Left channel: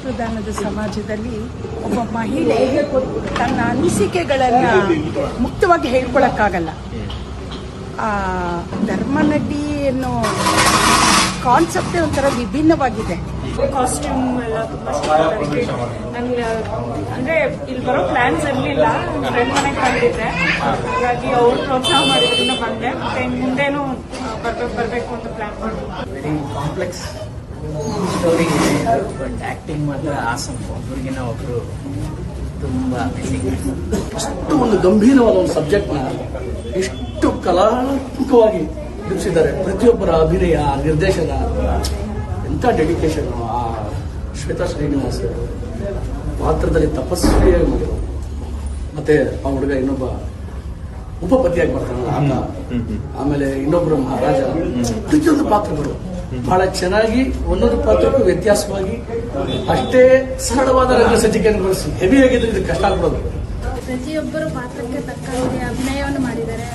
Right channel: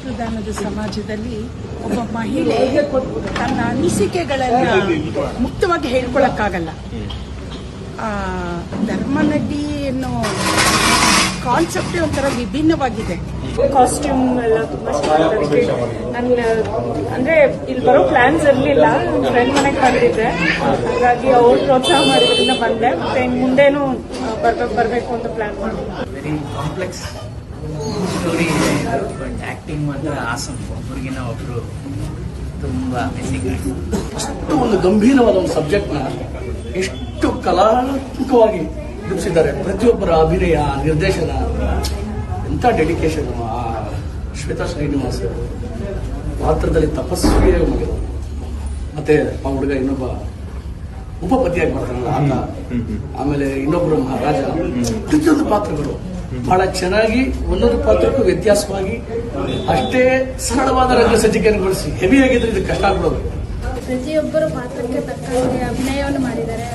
ಧರ್ಮದ ಸಮಾಜದಲ್ಲಿ ಒಬ್ಬ ಮಹಿಳೆ ತನ್ನ ಅನಿಸಿಕೆಗಳನ್ನ ಮುಕ್ತವಾಗಿ ಹೇಳ್ಕೊಳಕ್ಕಾಗಲ್ಲ. ಆ ಧರ್ಮನಡಿ ಅನ್ನೋ ಕಾನ್ಸೆಪ್ಟ್ ಒಂಥರ ವಿಭಿನ್ನವಾಗಿದೆ. ಕಾಸ್ಟ್ಯೂಮ್ ಎಲ್ಲ ತುಂಬಾ ಚೆನ್ನಾಗಿದೆ. ಅಂದ್ರೆ ಇಲ್ಲಿ ಬರೋ ಪ್ಲಾನ್ಸ್ ಇರಲಿಲ್ಲ ಫ್ರೆಂಡ್ ಮನೆಗೆ ಬಂದಿದ್ದೆ. ಹಾಗಾಗಿ ಅವ್ರು ಪ್ರೋತ್ಸಾಹ ಮಾಡಿದ್ರಿಂದ ಬಂದೆ. ಮತ್ತೆ ಮುಂದೇನು ಬರ್ಬೇಕು ಬರಬೇಕು ಅಂತ ಪ್ಲಾನ್ ಮಾಡಿ very complex story but acting ಮಾತ್ರ ಆಸಮ್ ಒಬ್ಬರಿಗಿನ ಒಬ್ರು ತುಂಬಾ ಅಮೇಸಿಂಗ್ ಅಷ್ಟು ಒಂದು ಗಂಭೀರವಾದ ಒಂದು ಸಬ್ಜೆಕ್ಟ್ನ ಎಷ್ಟು ಕಲಾತ್ಮಕವಾಗಿ ಬಿಡಿಸಿದ್ದಾರೆ. ಪ್ರತಿಯೊಬ್ಬರ ಅಭಿನಯ ನಿರ್ದೇಶನ ಎಂಥ ಡೆಡಿಕೇಶನ್ ಆ ಶ್ವೇತಾ ಶ್ರೀನಿವಾಸ್ ಪಾತ್ರದಲ್ಲಿ ತಪಸ್ವಿಯೇ ಮುಗಿದು ಮತ್ತೆ ಆ ಹುಡುಗ ಇನ್ನೊಬ್ಬ ಉಪಪತಿಯಾಗಿ ಬರ್ತಾನಲ್ಲ ಆಮೇಲೆ ಇನ್ನೊಬ್ಬರು ಮಹಾರಾಜ. ಪ್ರತಿಯೊಂದು ಪಾತ್ರಗಳು ಬಹಳ ಚೆನ್ನಾಗಿ ಒಂದೊಂದು ಪಾತ್ರಕ್ಕೂ ವ್ಯತ್ಯಾಸವಾಗಿ ಅಷ್ಟೇ ಸರಳವಾದ ರಂಗ ಸಜ್ಜಿಕೆಯನ್ನು ಬಳಸಿ ಹೆವಿ ಆಗಿದ್ರೆ ಇದು ಕಷ್ಟ ಆಗ್ಬಿಡೋದು. ಪ್ರತಿಯೊಬ್ಬರು ಪಾತ್ರಕ್ಕೆ ತಕ್ಕಂತೆ ಅಭಿನಯವನ್ನು ಮಾಡಿದ್ದಾರೆ.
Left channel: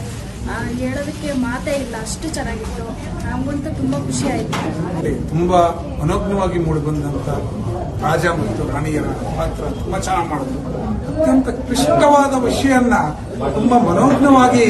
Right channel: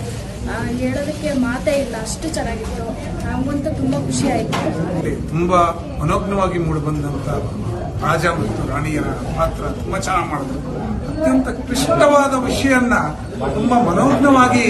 ಆ, ಹೇಳೋದಕ್ಕೆ ಮಾತೇ ಇಲ್ಲ ಅಷ್ಟು ಚೆನ್ನಾಗಿತ್ತು. ನಮಗಂತೂ ತುಂಬಾ ಖುಷಿ ಆಯ್ತು. ತುಂಬಾ ಮನೋಜ್ಞವಾಗಿ ಮೂಡಿಬಂದಂತ ರಾಜ ಮತ್ತು ರಾಣಿಯರ ಪಾತ್ರ ತುಂಬಾ ಚೆನ್ನಾಗಿ ಮಾಡಿದ್ರು ಅತ್ಯಂತ ಕ್ಲಿಷ್ಟವಾದ ವಿಷಯನ್ನ ತುಂಬಾ ಮನೋಜ್ಞವಾಗಿ